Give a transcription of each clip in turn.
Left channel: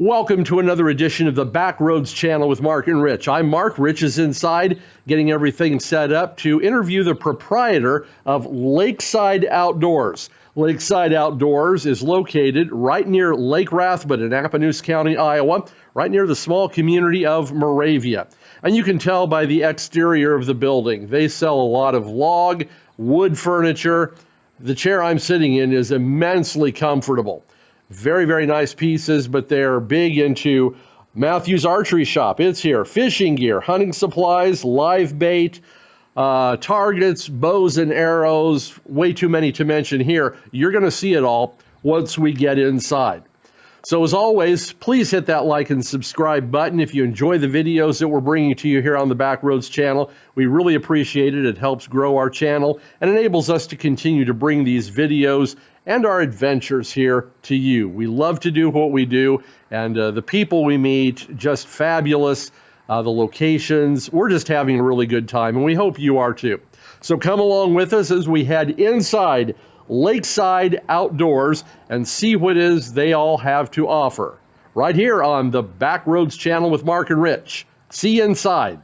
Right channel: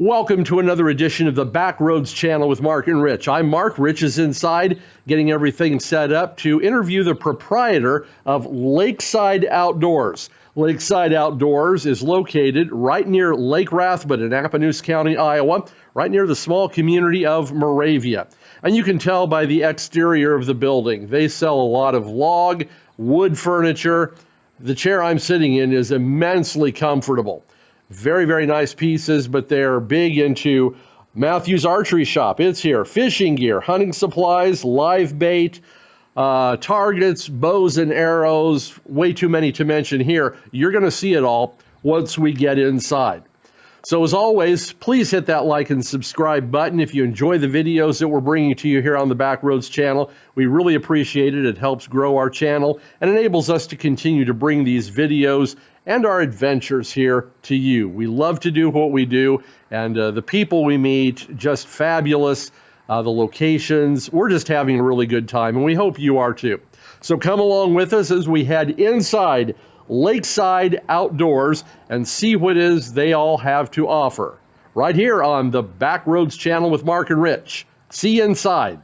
Welcome to another edition of the Backroads channel with Mark and Rich. I'm Mark. Rich is inside getting everything set up to interview the proprietor of Lakeside Outdoors. Lakeside Outdoors is located right near Lake Rathbun in Appanoose County, Iowa, right near the small community of Moravia. And you can tell by the exterior of the building, they sell a lot of log, wood furniture. The chair I'm sitting in is immensely comfortable. Very, very nice pieces, but they're big into Matthew's Archery Shop. It's here. Fishing gear, hunting supplies, live bait, targets, bows and arrows. Way too many to mention here. You're going to see it all once we get inside. So as always, please hit that like and subscribe button if you enjoy the videos that we're bringing to you here on the Backroads channel. We really appreciate it. It helps grow our channel and enables us to continue to bring these videos and our adventures here to you. We love to do what we do, and the people we meet, just fabulous. The locations, we're just having a really good time, and we hope you are too. So come along with us as we head inside Lakeside Outdoors and see what it is they all have to offer. Right here on the Backroads channel with Mark and Rich. See you inside.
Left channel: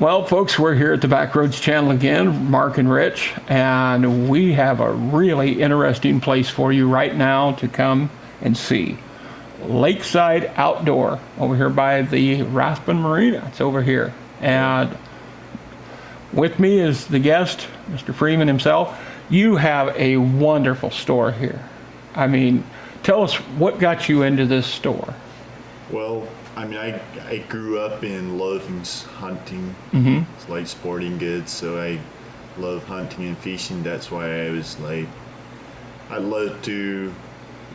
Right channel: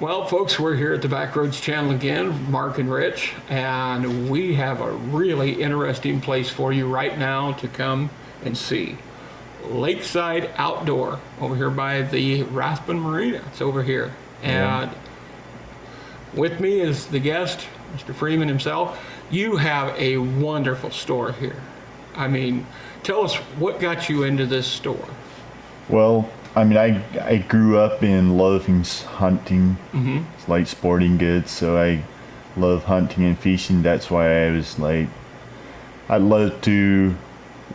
Well, folks, we're here at the Backroads channel again, Mark and Rich, and we have a really interesting place for you right now to come and see. Lakeside Outdoor, over here by the Rathbun Marina. It's over here. And with me is the guest, Mr. Freeman himself. You have a wonderful store here. I mean, tell us what got you into this store. Well, I mean, I grew up in loving hunting. It's like sporting goods, so I love hunting and fishing. That's why I was like, I love to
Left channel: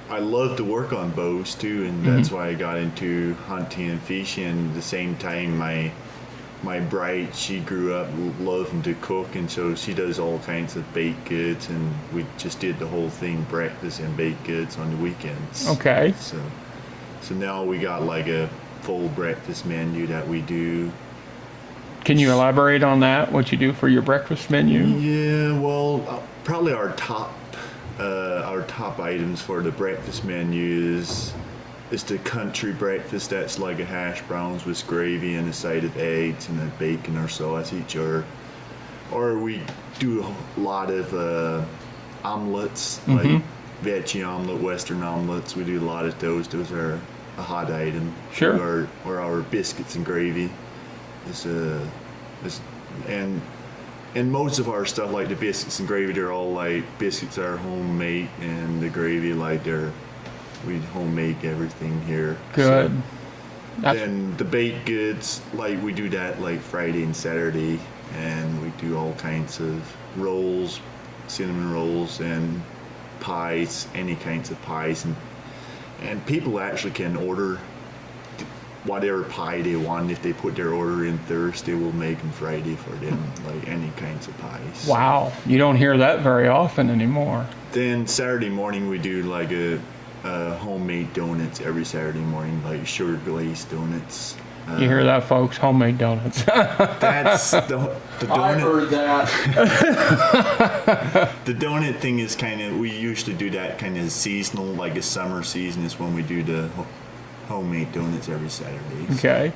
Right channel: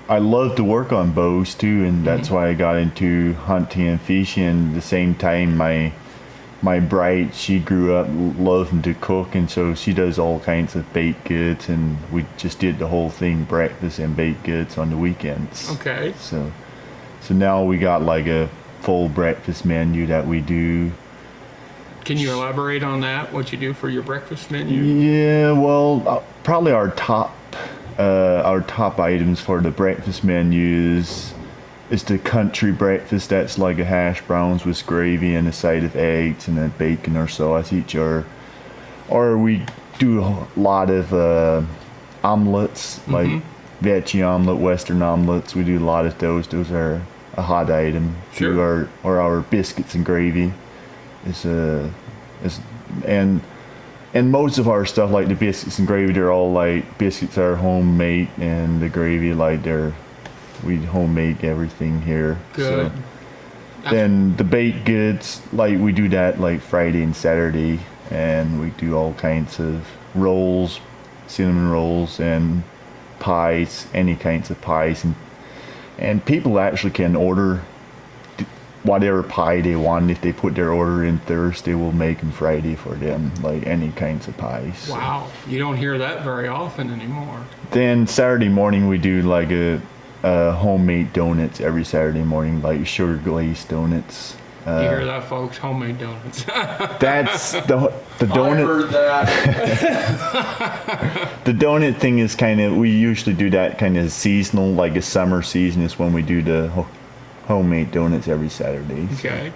work on bows too, and that's why I got into hunting and fishing. And at the same time, my bride, she grew up loving to cook, and so she does all kinds of baked goods, and we just did the whole thing, breakfast and baked goods on the weekends. Okay. So now we got like a full breakfast menu that we do. Can you elaborate on that, what you do for your breakfast menu? Yeah, well, probably our top items for the breakfast menu is the country breakfast. That's like a hash browns with gravy and a side of eggs and then bacon or sausage, or we do a lot of omelets, like veggie omelet, western omelets. We do a lot of those. Those are a hot item. Sure. Or our biscuits and gravy and most of our stuff, like the biscuits and gravy, they're all like, biscuits are homemade, and the gravy, like we homemade everything here. Good. So, then the baked goods, like we do that like Friday and Saturday, and we do all kinds of rolls, cinnamon rolls, and pies, any kinds of pies, and people actually can order whatever pie they want. If they put their order in Thursday, we'll make them Friday for them, like any kinds of pies. Wow, you don't hear that very often anymore. Then Saturday morning we do like a homemade donuts every Saturday morning, like sugar glazed donuts. You hear that, folks? Homemade donuts. That's the donut. I heard that. The donut thing is kind of, we usually do that kind of seasonal, like a summer season is when we do the homemade donuts every Saturday. Okay.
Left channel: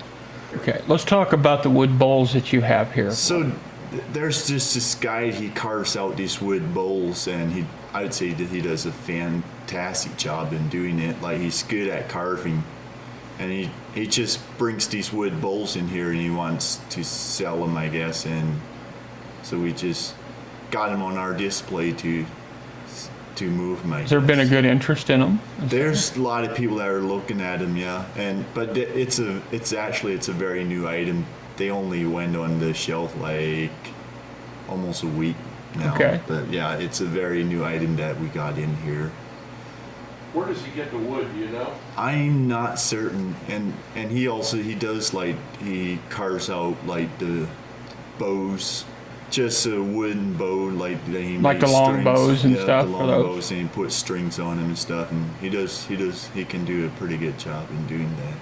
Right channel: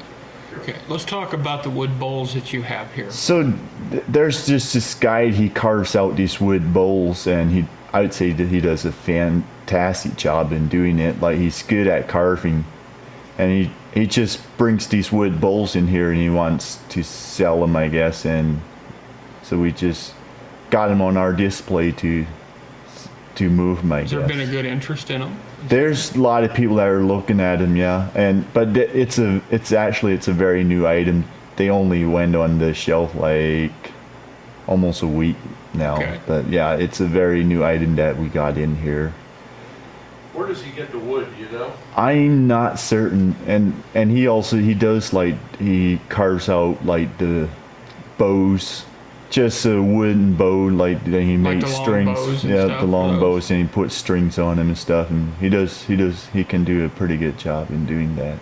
Let's talk about the wood bowls that you have here. So there's just this guy, he carves out these wood bowls, and I would say that he does a fantastic job in doing it. Like, he's good at carving, and he just brings these wood bowls in here and he wants to sell them, I guess, and so we just got them on our display to to move them. Has there been a good interest in them? There's a lot of people that are looking at them, yeah. But it's a very new item. They only went on the shelf like almost a week now. Okay. But yeah, it's a very new item that we got in here. Where does he get the wood, do you know? I'm not certain, and he does like, he carves out like the bows, just a wooden bow, like that he Like makes the long strings, bows and yeah, stuff the long for those? bows, and he puts strings on them and stuff, and he can do a pretty good job in doing that.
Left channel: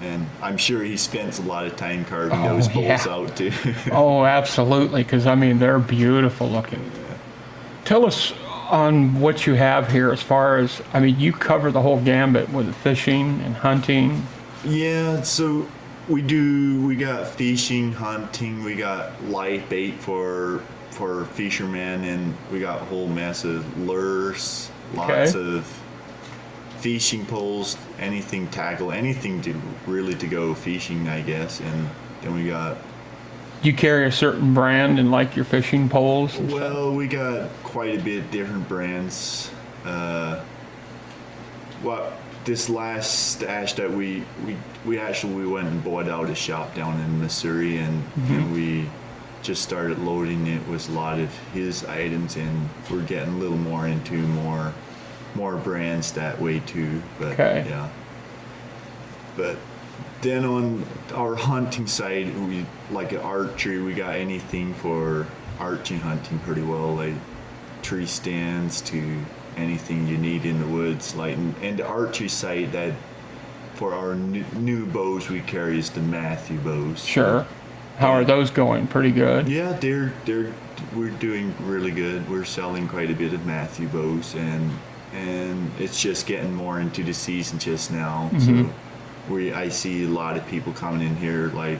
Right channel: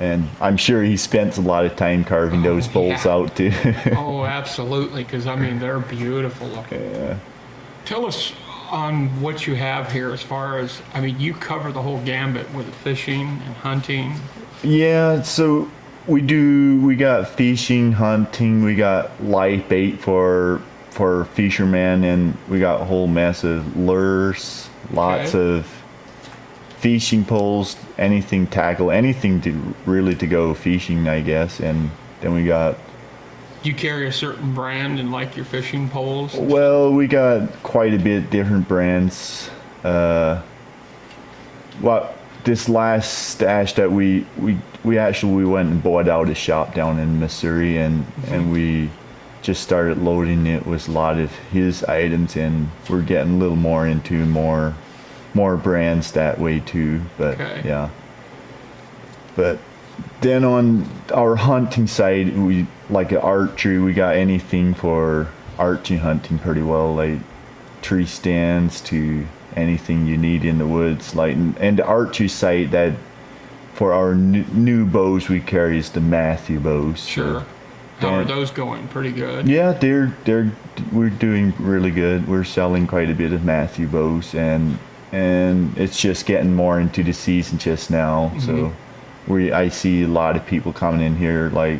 And I'm sure he spends a lot of time carving those bowls yeah. out too. Oh, absolutely, because I mean they're beautiful looking. Yeah. Tell us on what you have here as far as, I mean, you cover the whole gambit with fishing and hunting. Yeah, so we got fishing, hunting, we got live bait for fishermen, and we got a whole mess of lures, lots of fishing poles, anything tackle, anything to go fishing, I guess. And then we got, You carry a certain brand in like your fishing poles? well, we got quite a bit different brands. This last stash that we went and bought out a shop down in Missouri, and we just started loading it with a lot of his items, and we're getting a little more into more brands that way too. But yeah. But then on our hunting side, we like archery, we got anything for archery hunting pretty well, like tree stands to anything you need in the woods. Like, and the archery side, that for our new bows we carry is the Matthew bows. Sure. How are those going? Pretty good? Yeah, we're doing really good. We're selling quite a bit of Matthew bows, and it's just getting more into the season just now. So I see a lot of people coming in here like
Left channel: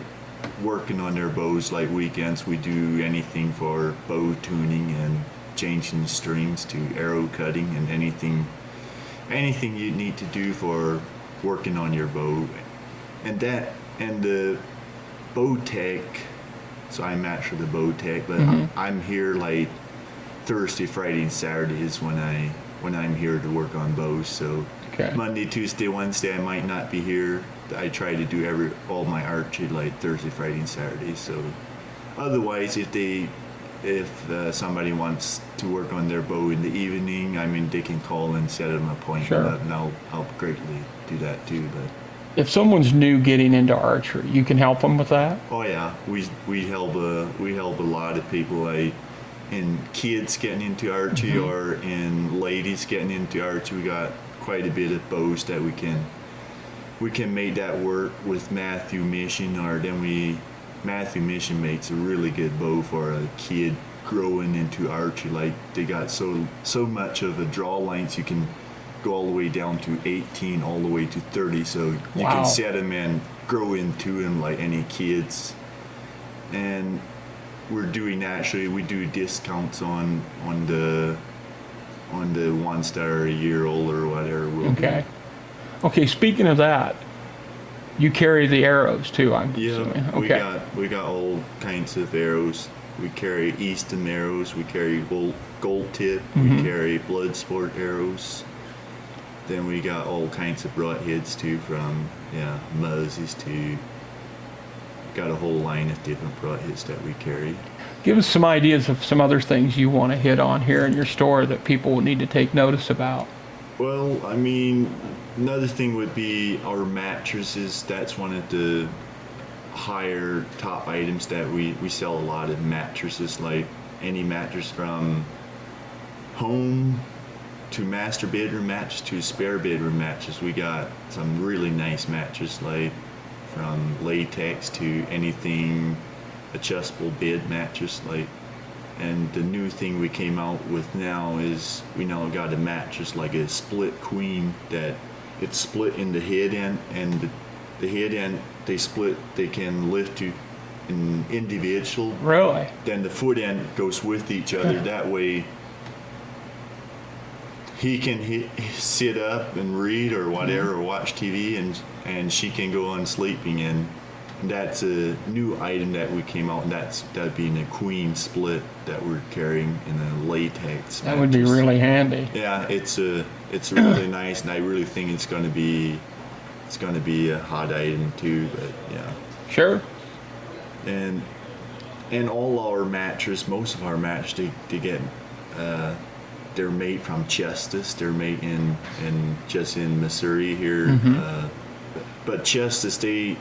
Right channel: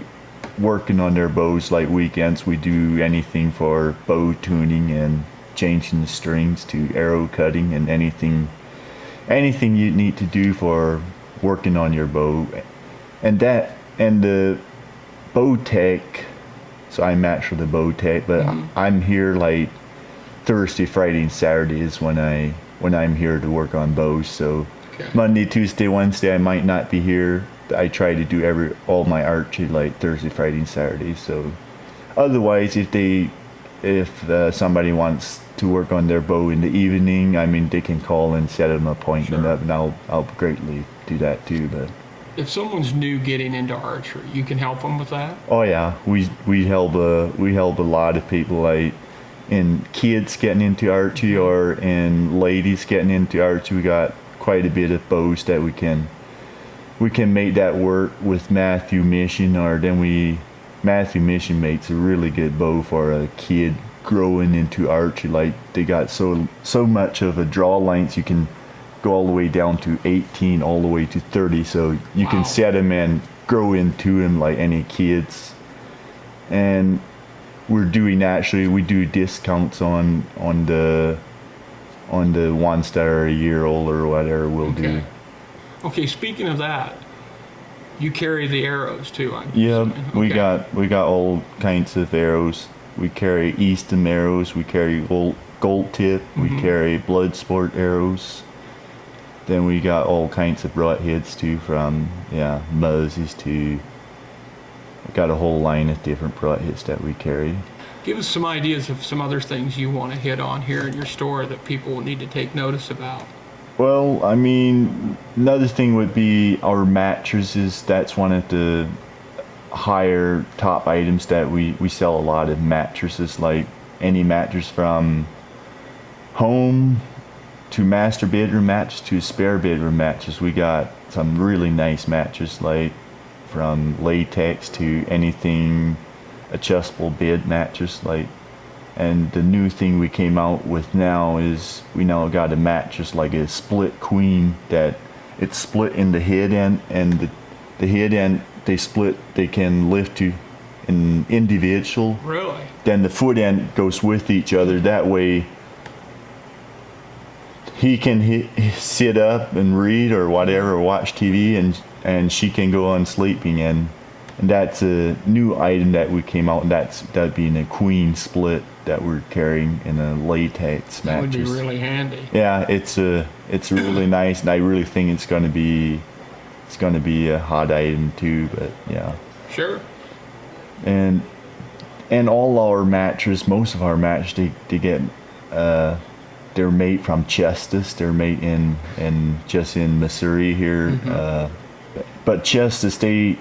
working on their bows, like weekends. We do anything for bow tuning and changing the strings to arrow cutting, and anything you need to do for working on your bow. And the bow tech, so I'm actually the bow tech, but I'm here like Thursday, Friday, and Saturday is when I'm here to work on bows. So Monday, Tuesday, Wednesday I might not be here. I try to do all my archery like Thursday, Friday, and Saturday. So otherwise, if somebody wants to work on their bow in the evening, I mean, they can call and set an appointment up, and I'll greatly do that too. But if someone's new getting into archery, you can help them with that? oh yeah, we help a lot of people, like in kids getting into archery or in ladies getting into archery. We got quite a bit of bows that we can make that work with Matthew Mission, Matthew Mission makes a really good bow for a kid growing into archery. Like, they got so much of a draw length, you can go all the way down to 18, all the way to 30, so you can set them and grow into them like any kids. And we do discounts on the ones that are a year old or whatever. We'll do. Okay, speaking of that, you carry the arrows too, I'm assuming. We got all kinds of arrows. We carry Easton arrows, we carry gold tip, we carry blood sport arrows. Then we got all kinds of broadheads too, from Moses to, got a whole line of different broadheads that we carry. Give us some ideas of some other things you want to hit on here in your store that people will need to take notice about. Well, I mean, another thing would be our mattresses. That's one of the higher top items that we sell. A lot of mattresses, like any mattress from home to master bedroom mattress to spare bedroom mattress. We got some really nice mattresses, like from latex to anything adjustable bed mattress, like. And the new thing we came out with now is we now got a mattress like a split queen, that it's split in the head end, and the head end they can lift to an individual. Really? Then the foot end goes with each other. That way he can sit up and read or whatever, or watch TV, and she can go on sleeping. And that's a new item that we came out, and that'd be in a queen split that we're carrying in a latex That would be mattress. really handy. Yeah, it's really nice, and I really think it's gonna be a hot item too. But yeah, Sure. and all our mattress, most of our mattress, they get they're made from Chestus. They're made in just in Missouri here. But Chestus, they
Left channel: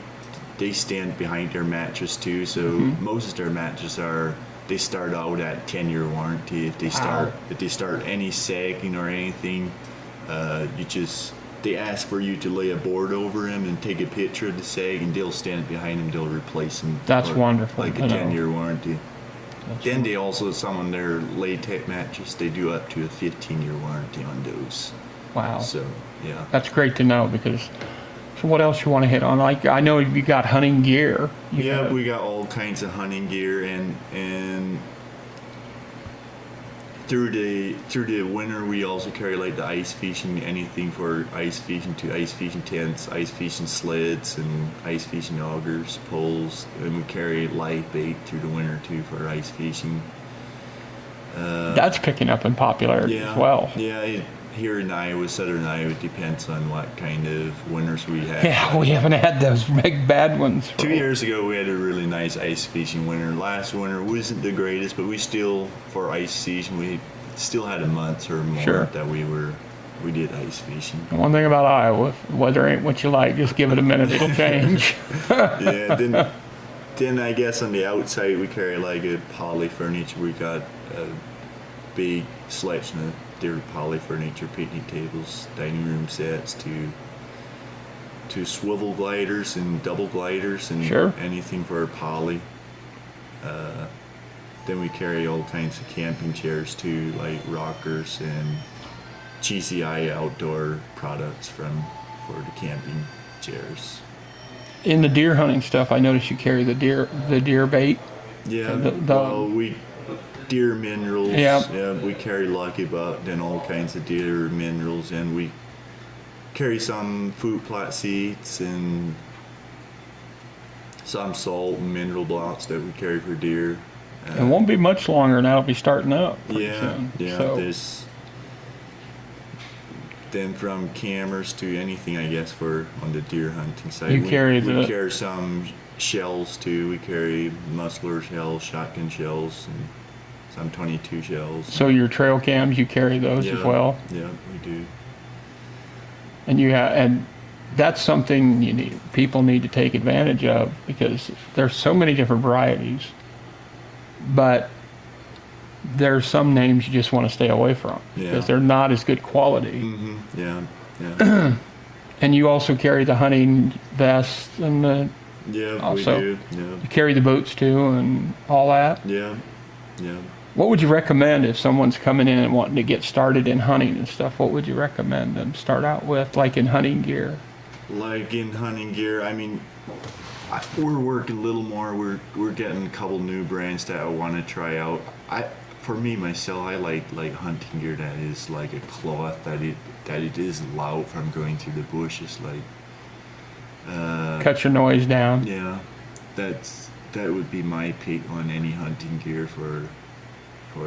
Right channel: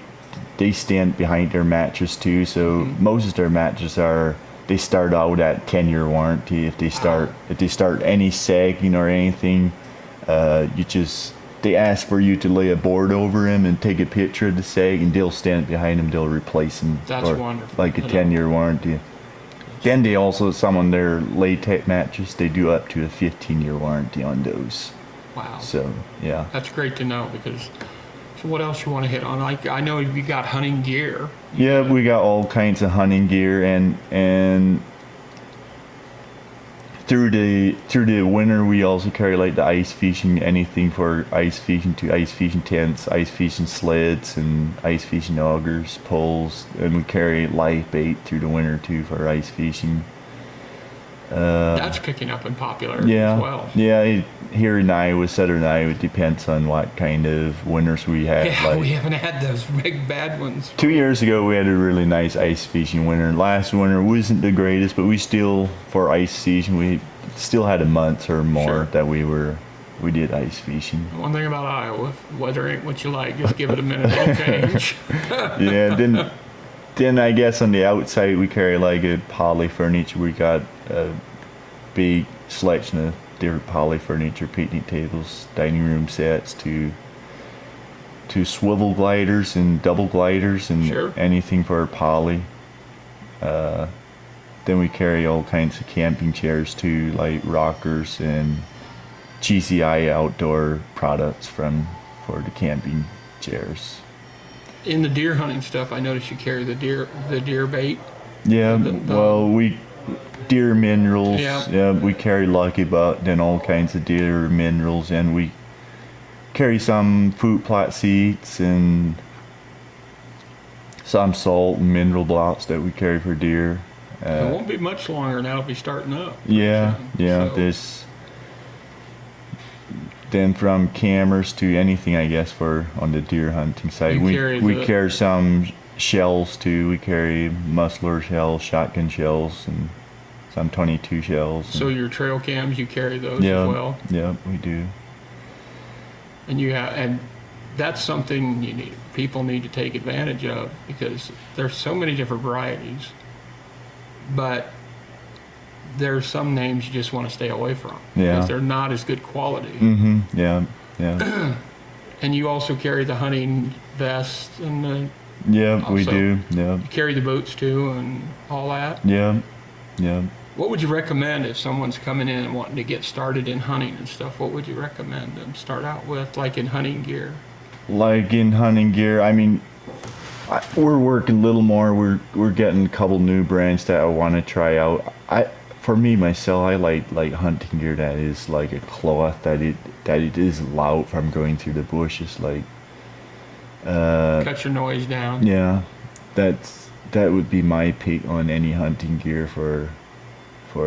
stand behind their mattress too. So most of their mattresses they start out at 10-year warranty. If they start any sagging or anything, they ask for you to lay a board over him and take a picture of the sag, and they'll stand behind him. They'll replace him. That's wonderful. Like a 10-year warranty. Then they also, some on their latex mattress, they do up to a 15-year warranty on those. Wow. So yeah. That's great to know because. So what else you want to hit on? Like I know you got hunting gear. Yeah, we got all kinds of hunting gear, and through the winter we also carry like the ice fishing, anything for ice fishing, to ice fishing tents, ice fishing sleds, and ice fishing augers, poles, and we carry live bait through the winter too for ice fishing. That's picking up in popularity Yeah, as well. yeah. Here in Iowa, southern Iowa, it depends on what kind of winters we have. Yeah, like, we haven't had those big bad ones. 2 years ago, we had a really nice ice fishing winter. Last winter wasn't the greatest, but we still, for ice season, we still had a month or more Sure. that we did ice fishing. One thing about Iowa, if weather ain't what you like, just give it a minute, it'll change. Yeah, then I guess on the outside we carry like a poly furniture. We got a big selection of different poly furniture, picnic tables, dining room sets, to swivel gliders and double gliders and Sure. anything for poly. Then we carry all kinds of camping chairs too, like rockers and GCI outdoor products for the camping chairs. In the deer hunting stuff, I noticed you carry the deer bait. Yeah, we deer minerals. Yeah. We carry Lucky Buck and all kinds of deer minerals, and we carry some food plot seeds and some salt and mineral blocks that we carry for deer. It won't be much longer, and that'll be starting up. pretty Yeah, soon. yeah. So, Then from cameras to anything, I guess, for on the deer hunting side. You carry we the- carry some shells too. We carry muzzler shells, shotgun shells, and some 22 shells. so your trail cams, you carry those yeah, as well, yeah, we do. and that's something people need to take advantage of because there's so many different varieties, but there's some names you just want to stay away from Yeah. because they're not as good quality. Mm-hmm. Yeah, yeah, And you also carry the hunting vest and yeah. We Also- do. Yeah, you carry the boots too and all that. yeah, yeah. What would you recommend if someone's coming in and wanting to get started in hunting and stuff? What would you recommend them start out with, like in hunting gear? Like in hunting gear, I mean, we're working a little more. We're getting a couple new brands that I want to try out. For me myself, I like hunting gear that is like a cloth that it is loud from going through the bushes. Like, Cut your noise down. yeah, that would be my pick on any hunting gear for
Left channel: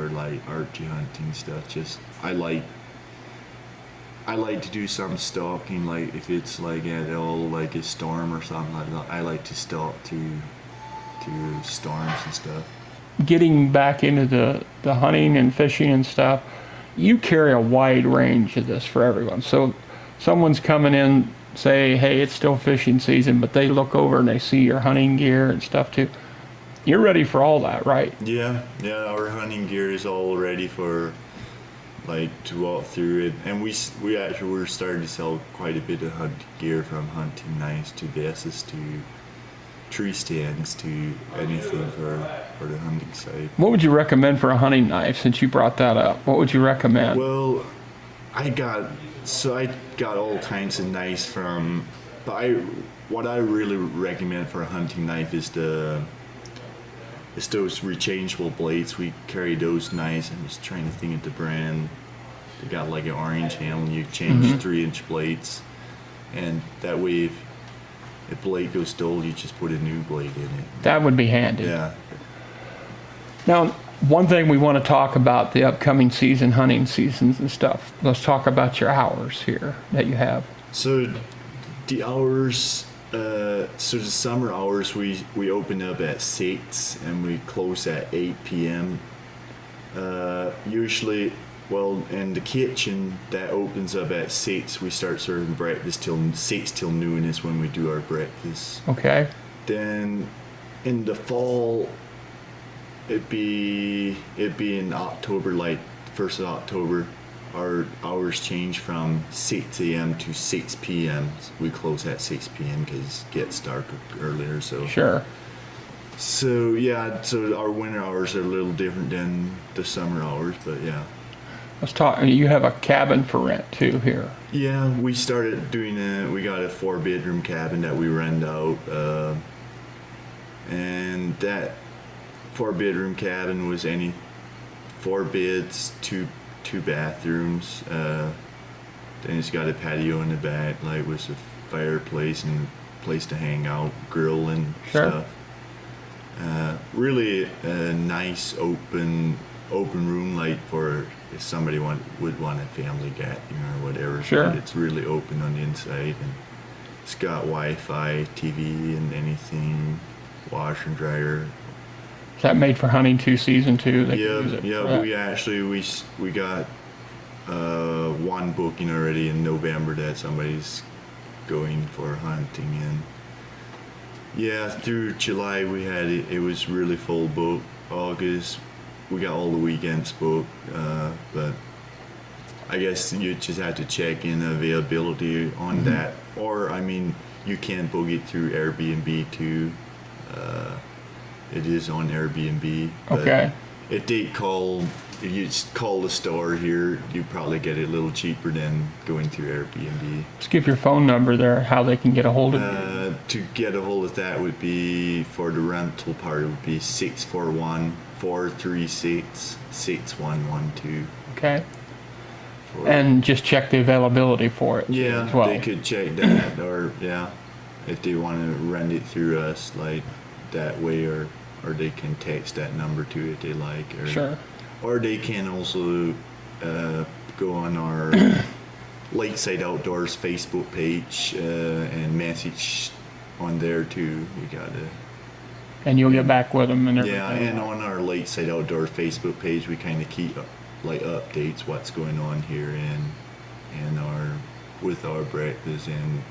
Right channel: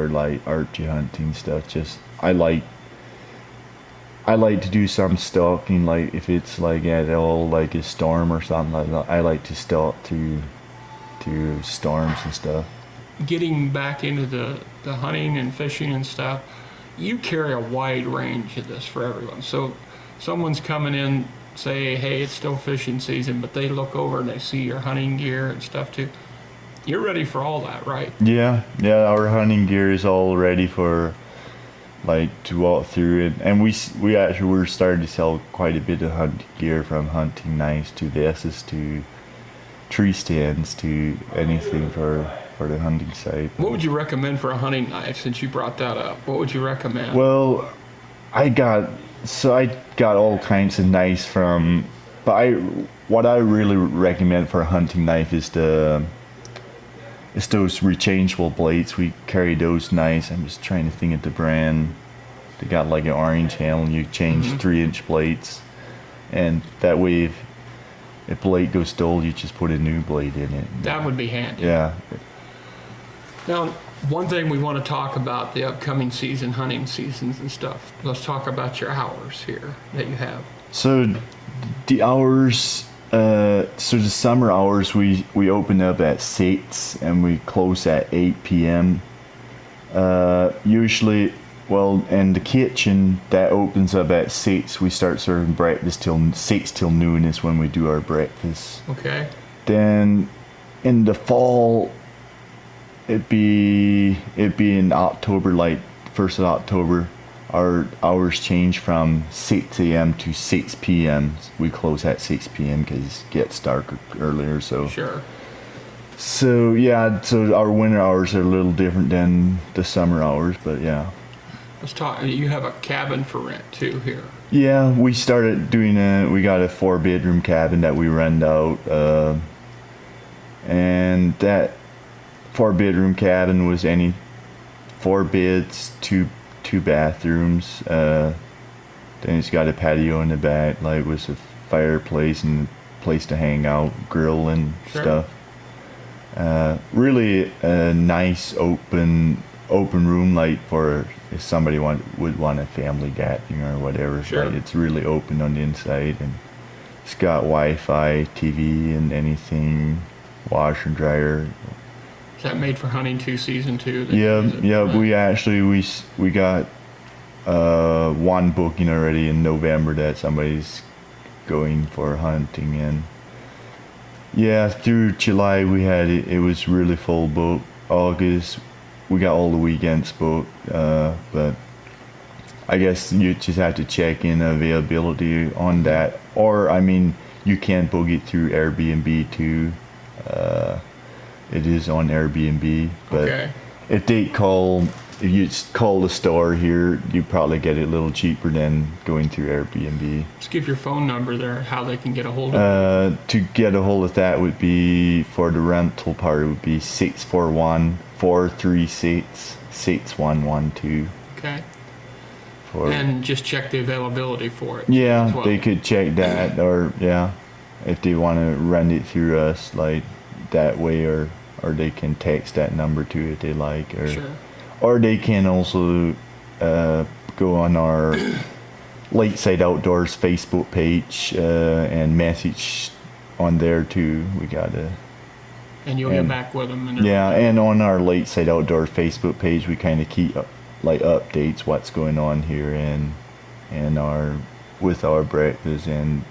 like archery hunting stuff. Just I like to do some stalking, like if it's like at all like a storm or something like that. I like to stalk through storms and stuff. Getting back into the hunting and fishing and stuff, you carry a wide range of this for everyone. So someone's coming in, say, hey, it's still fishing season, but they look over and they see your hunting gear and stuff too. You're ready for all that, right? Yeah, our hunting gear is all ready for like to walk through it, and we're starting to sell quite a bit of hunting gear, from hunting knives to vests to tree stands to anything for the hunting site. What would you recommend for a hunting knife, since you brought that up? What would you recommend? Well, I got all kinds of knives from, but what I really recommend for a hunting knife is those rechangeable blades. We carry those knives. I'm just trying to think of the brand. They got like an orange handle, and you change 3-inch blades, and that way if a blade goes dull, you just put a new blade in it. That would be handy. Yeah. Now, one thing we want to talk about the upcoming season, hunting seasons and stuff. Let's talk about your hours here that you have. So the hours, so the summer hours, we open up at 6 and we close at 8 p.m. Usually, well, and the kitchen that opens up at 6, we start serving breakfast till 6 till noon is when we do our breakfast. Okay. Then in the fall, it'd be in October, like 1st of October, our hours change from 6 a.m. to 6 p.m. We close at 6 p.m. because it gets dark earlier. So Sure. So yeah, so our winter hours are a little different than the summer hours, but yeah. Let's talk. You have a cabin for rent too here. Yeah, we started doing we got a 4-bedroom cabin that we rent out, and that 4-bedroom cabin was 4 beds, two bathrooms. Then it's got a patio in the back, like with a fireplace and a place to hang out, grill and Sure. stuff. Really a nice open room, like for if somebody would want a family gathering or whatever. Sure. Like, it's really open on the inside, and it's got Wi-Fi, TV, and anything, washer and dryer. Is that made for hunting too, season 2? Yeah. We actually we got one booking already in November that somebody's going for hunting, and yeah, through July we had it was really full booked. August we got all the weekends booked, but I guess you just have to check in availability on that, or I mean you can book it through Airbnb too. It is on Airbnb. But Okay. if you just call the store here, you probably get it a little cheaper than going through Airbnb. Just give your phone number there, how they can get a hold of you. To get a hold of that would be, for the rental part, it would be 641-436-6112. Okay. And just check the availability for it. Yeah, as well. they could check that, or yeah, if they want to rent it through us, like that way, or they can text that number too if they like, or Sure. or they can also go on our Lakeside Outdoors Facebook page and message on there too. We gotta. And you'll get back with them and everything. Yeah, and on our Lakeside Outdoors Facebook page, we kind of keep like updates what's going on here and with our breakfast and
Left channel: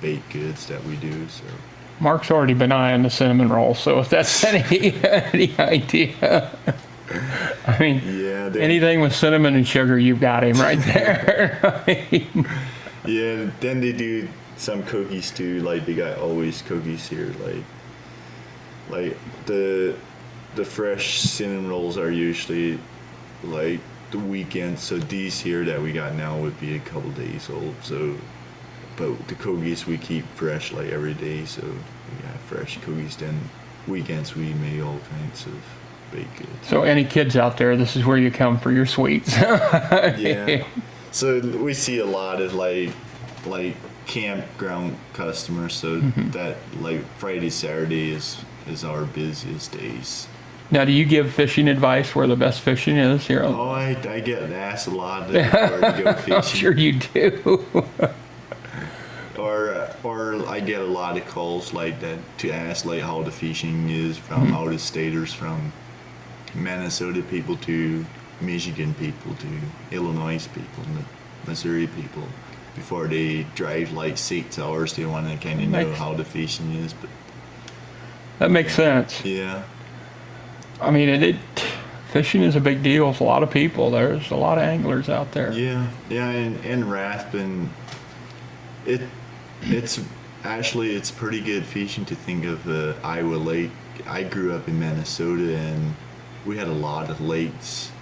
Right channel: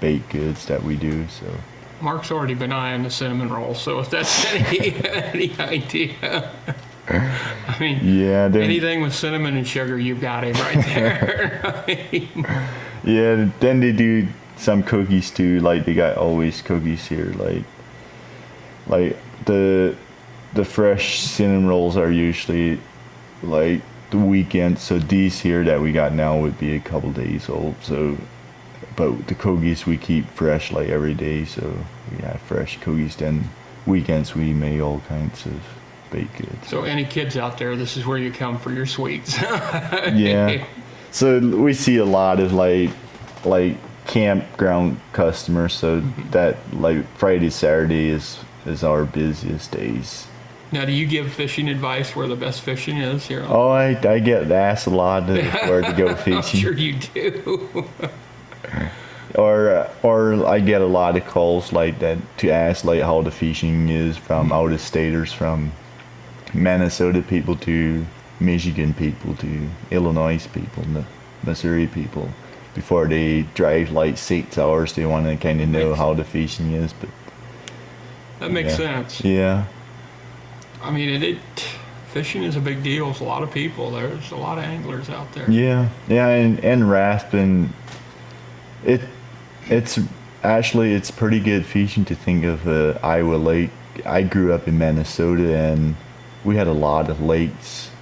baked goods that we do. So Mark's already been eyeing the cinnamon roll, so if that's any idea. I mean, yeah, anything with cinnamon and sugar, you've got him right there. yeah. Then they do some cookies too. Like they got always cookies here. Like the fresh cinnamon rolls are usually like the weekend. So these here that we got now would be a couple days old. So, but the cookies we keep fresh like every day. So we have fresh cookies. Then weekends we make all kinds of baked goods. So any kids out there, this is where you come for your sweets. Yeah. So we see a lot of like campground customers. So that like Friday, Saturday is our busiest days. Now, do you give fishing advice where the best fishing is here? Oh, I get asked a lot where to go fishing. I'm sure you do. Or I get a lot of calls like that to ask like how the fishing is from out of staters, from Minnesota people to Michigan people to Illinois people, Missouri people. Before they drive like 6 hours, they want to kind of know how the fishing is. But that makes sense. Yeah. I mean, fishing is a big deal with a lot of people. There's a lot of anglers out there. Yeah, and rafting. It's actually pretty good fishing to think of Iowa Lake. I grew up in Minnesota and we had a lot of lakes.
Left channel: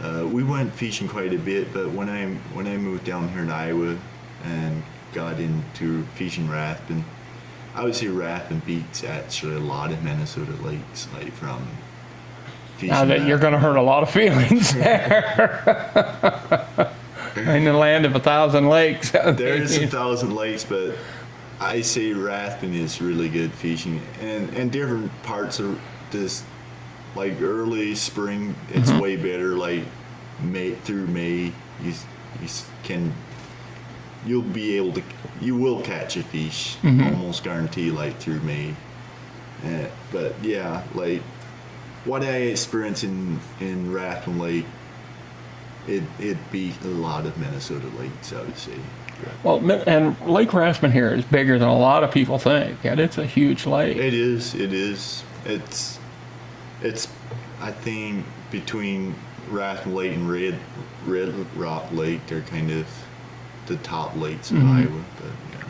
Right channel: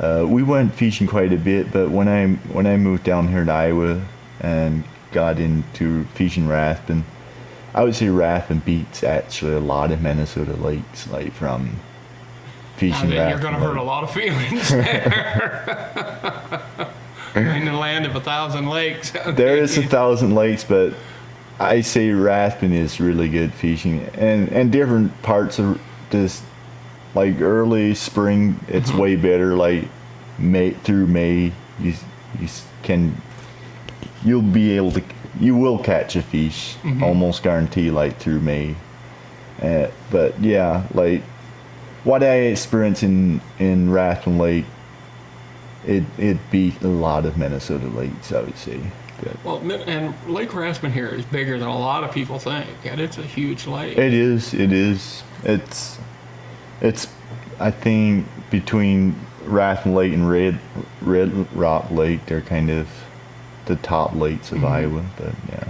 We went fishing quite a bit, but when I moved down here to Iowa and got into fishing rafting, I would say rafting beats actually a lot of Minnesota lakes, like from fishing. Now that you're going to hurt a lot of feelings there. In the land of 1,000 lakes. There is 1,000 lakes, but I say rafting is really good fishing, and different parts of this like early spring, it's way better. Like May through May, can you'll be able to you will catch a fish, almost guarantee, like through May. But yeah, like what I experienced in Rathbun Lake, it beat a lot of Minnesota lakes, I would say. Well, and Lake Rathbun here is bigger than a lot of people think, and it's a huge lake. It is. It's I think between Rathbun Lake and Red Rock Lake, they're kind of the top lakes of Iowa. But yeah.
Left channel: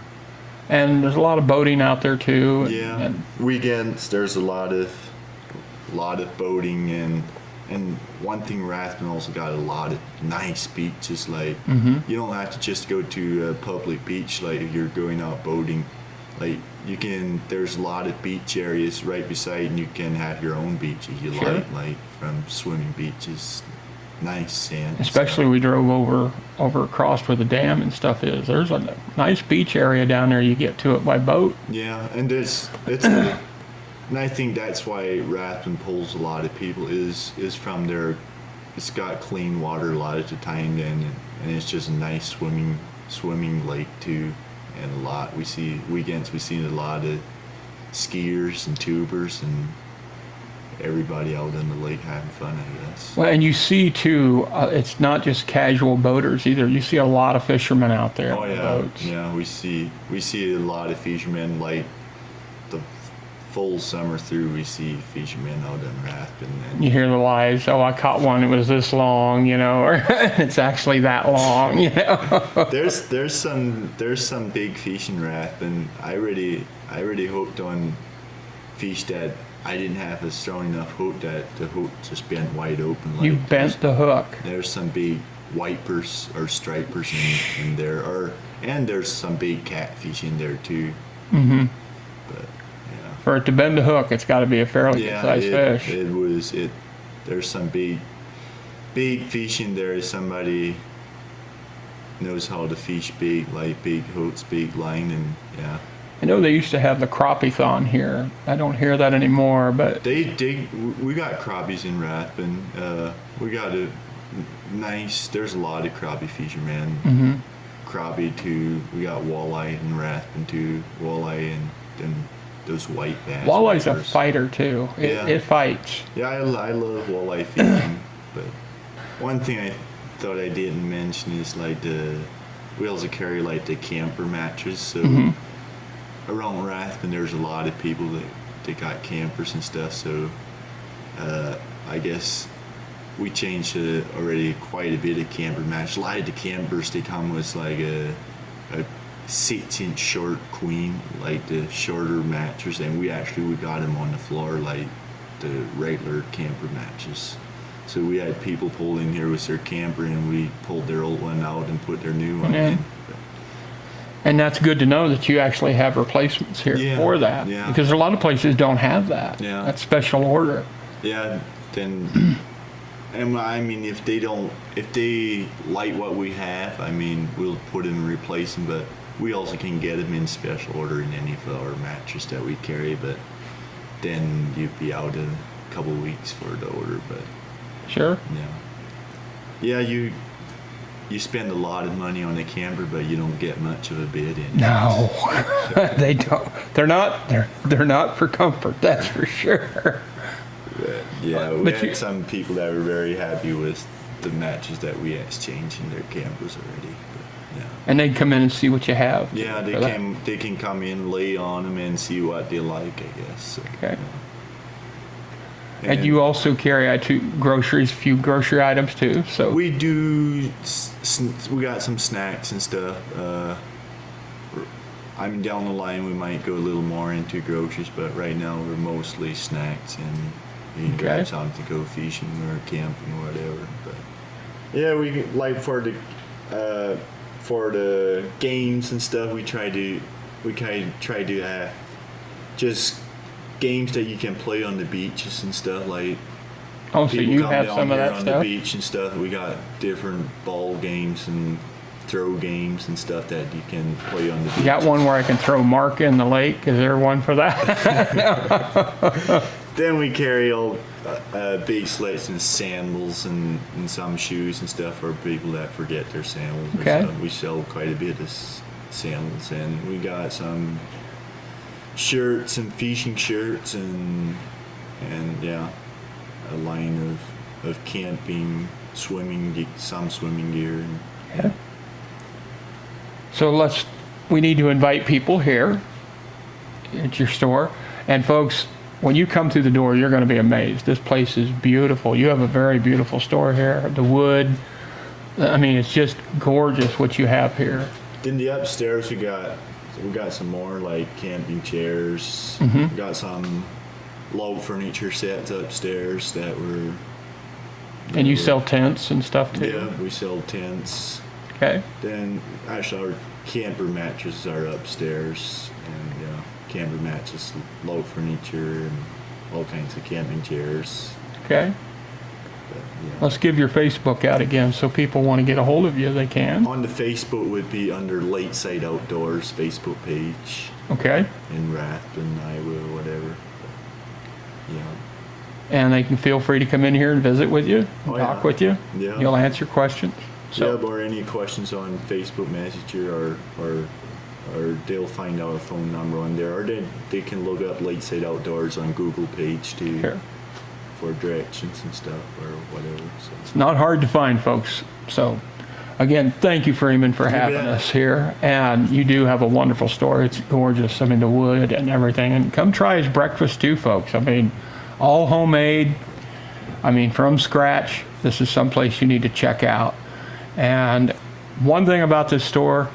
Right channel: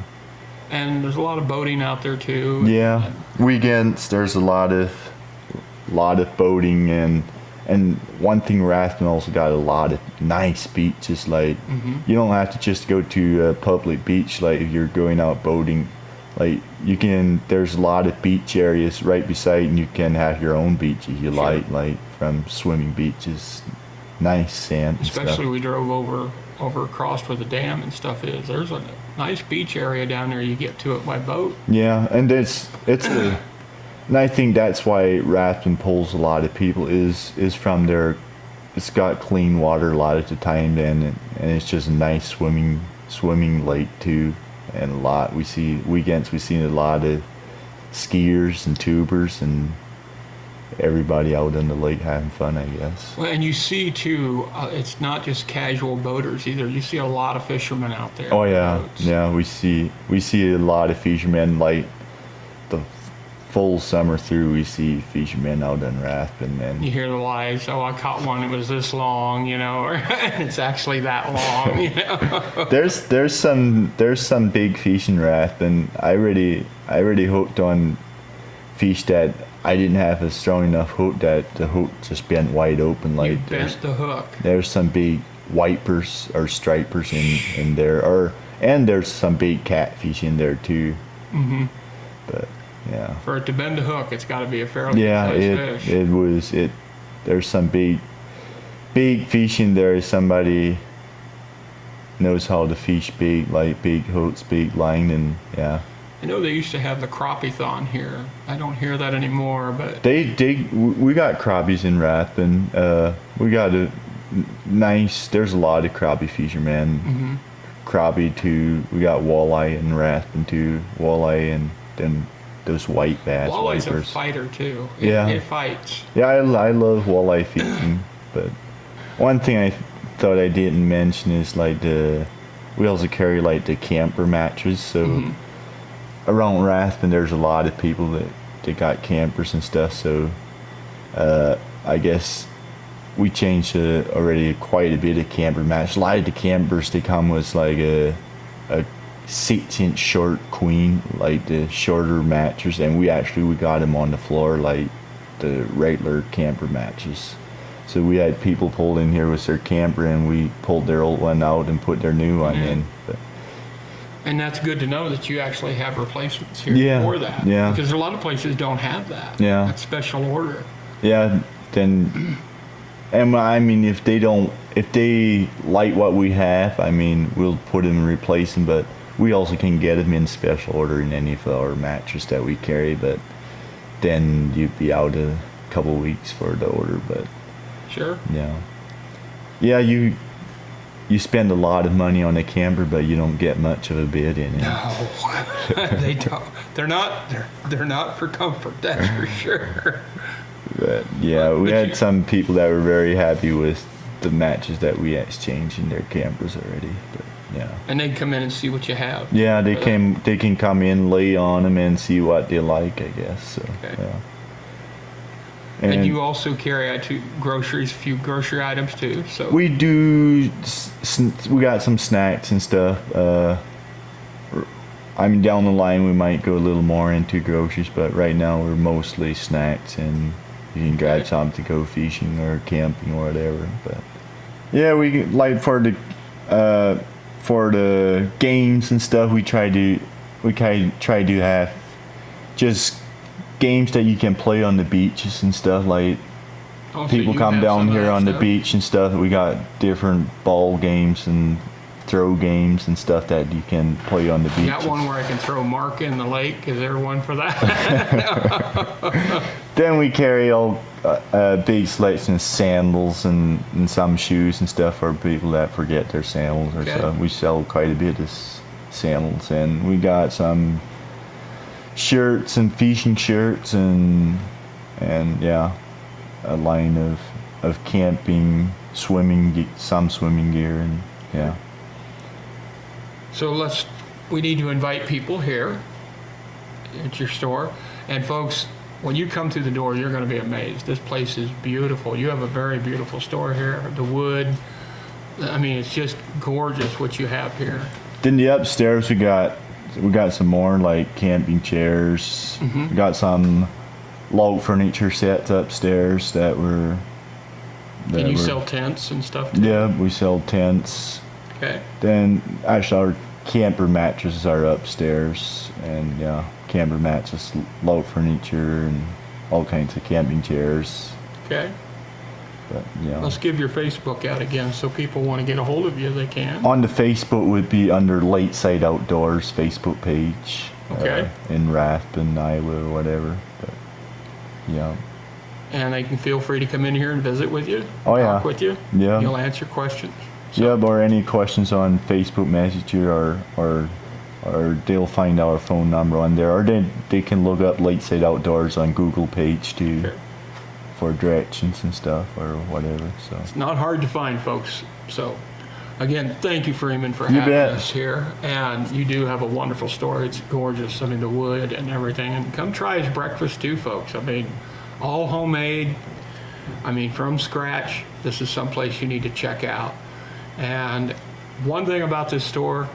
And there's a lot of boating out there too. Yeah. Weekends there's a lot of boating, and one thing, Rathbun also got a lot of nice beaches. Like you don't have to just go to a public beach. Like if you're going out boating, like there's a lot of beach areas right beside, and you can have your own beach if you like from swimming beaches, nice sand. Especially we drove over across where the dam and stuff is. There's a nice beach area down there. You get to it by boat. Yeah, and and I think that's why Rathbun pulls a lot of people is from their. It's got clean water a lot of the time, and it's just a nice swimming lake too. And we see a lot of skiers and tubers and everybody out in the lake having fun, I guess. Well, and you see too, it's not just casual boaters either. You see a lot of fishermen out there. Oh yeah, boats. yeah. We see a lot of fishermen, like the full summer through. We see fishermen out in Rathbun, and you hear the lies. Oh, I caught one. It was this long, or it's actually that long, There's some big fish in Rathbun. I really hooked on fish that I didn't have a strong enough hook that the hook just bent wide open. Like you bent the hook. There's some big wipers or stripers in there, and there's some big catfish in there too. But yeah. For it to bend the hook, it's got to be a fairly good-sized fish. There's some big fish in there. Somebody knows how to fish big hooks, big line, and yeah. I know they used to have the crappie-thon here. I don't hear that anymore, but we got crappies in Rathbun. We got there's a lot of crappie fishermen. Crappie too. We got walleye in Rathbun too. Walleye, and then those white bass. Walleye's a fighter too. It fights. Yeah, I love walleye fishing. But one thing I thought I didn't mention is like we also carry like the camper mattress. So around Rathbun, there's a lot of people that got campers and stuff. So I guess we changed already quite a bit of camper mattress. A lot of the campers, they come with like a 6-inch short queen, like the shorter mattress, and we got them on the floor like the regular camper mattress. So we had people pull in here with their camper, and we pulled their old one out and put their new one in. And that's good to know that you actually have replacements here for that. Yeah. Because a lot of places don't have that. Yeah. That's special order. Yeah. Then, and I mean, if they like what we have, I mean, we'll put them and replace them, but we also can get them in special order in any of our mattress that we carry, but then you'd be out a couple weeks for the order. But sure. Yeah, you spend a lot of money on a camper, but you don't get much of a bid in it. No, they don't. They're not for comfort. That's for sure. But yeah, we had some people that were very happy with the matches that we exchanged in their campers already. But yeah. And they come in and see what you have. Yeah, they can come in, lay on them, and see what they like, I guess. So, okay. Yeah. And you also carry a few grocery items too. So we do. We got some snacks and stuff. I mean, down the line we might go a little more into groceries, but right now we're mostly snacks, and you can grab something to go fishing or camping or whatever. But yeah, we like for the games and stuff. We try to have just games that you can play on the beaches and stuff. Like people come down here on the beach and stuff. We got different ball games and throw games and stuff that you can play on the beach. You got one where I can throw Mark in the lake? Is there one for that? Then we carry all big selection of sandals and some shoes and stuff for people that forget their sandals. Or Okay. stuff. We sell quite a bit of sandals, and we got some shirts and fishing shirts and yeah, a line of camping, some swimming gear, and yeah. So we need to invite people here at your store. And folks, when you come through the door, you're going to be amazed. This place is beautiful. You have a very beautiful store here. The wood, I mean, it's just gorgeous what you have here. Then the upstairs we got some more like camping chairs. Mm-hmm. We got some log furniture sets upstairs that were. And you sell tents and stuff too? Yeah, we sell tents. Okay. Then actually our camper mattresses are upstairs, and yeah, camper mattresses, log furniture, and all kinds of camping chairs. Okay. But, yeah. Let's give your Facebook out again so people want to get a hold of you, they can. On the Facebook would be under Lakeside Outdoors Facebook page. Okay. In Rathbun, Iowa, or whatever. But, yeah. And they can feel free to come in here and visit with you, Oh, talk yeah. with you. Yeah. You'll answer questions. So, Yep, or any questions on Facebook Messenger, or they'll find our phone number on there, or they can look up Lakeside Outdoors on Google page too. Sure. For directions and stuff or whatever. So It's not hard to find, folks. So, again, thank you, Freeman, for having bet. us here. And you do have a wonderful store. It's gorgeous. I mean, the wood and everything. And come try his breakfast too, folks. I mean, all homemade. I mean, from scratch. This is someplace you need to check out. And one thing about this store,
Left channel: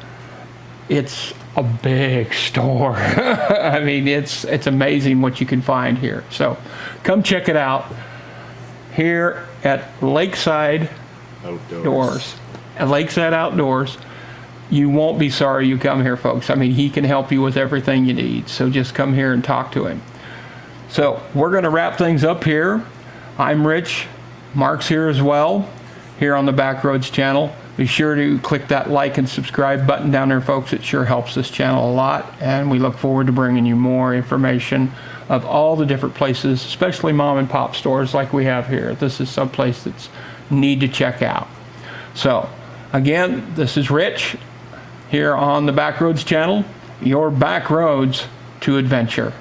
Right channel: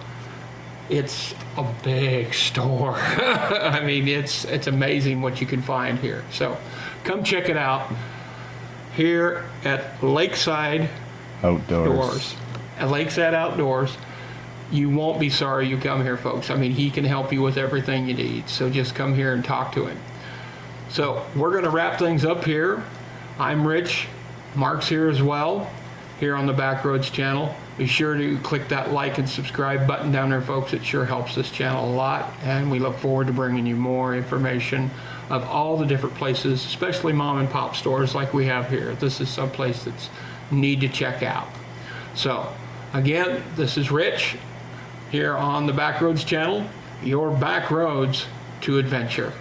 it's a big store. I mean, it's amazing what you can find here. So come check it out here at Lakeside Outdoors. At Lakeside Outdoors. You won't be sorry you come here, folks. I mean, he can help you with everything you need. So just come here and talk to him. So we're going to wrap things up here. I'm Rich. Mark's here as well, here on the Backroads channel. Be sure to click that like and subscribe button down there, folks. It sure helps this channel a lot. And we look forward to bringing you more information of all the different places, especially mom and pop stores like we have here. This is some place that's need to check out. So again, this is Rich here on the Backroads channel, your back roads to adventure.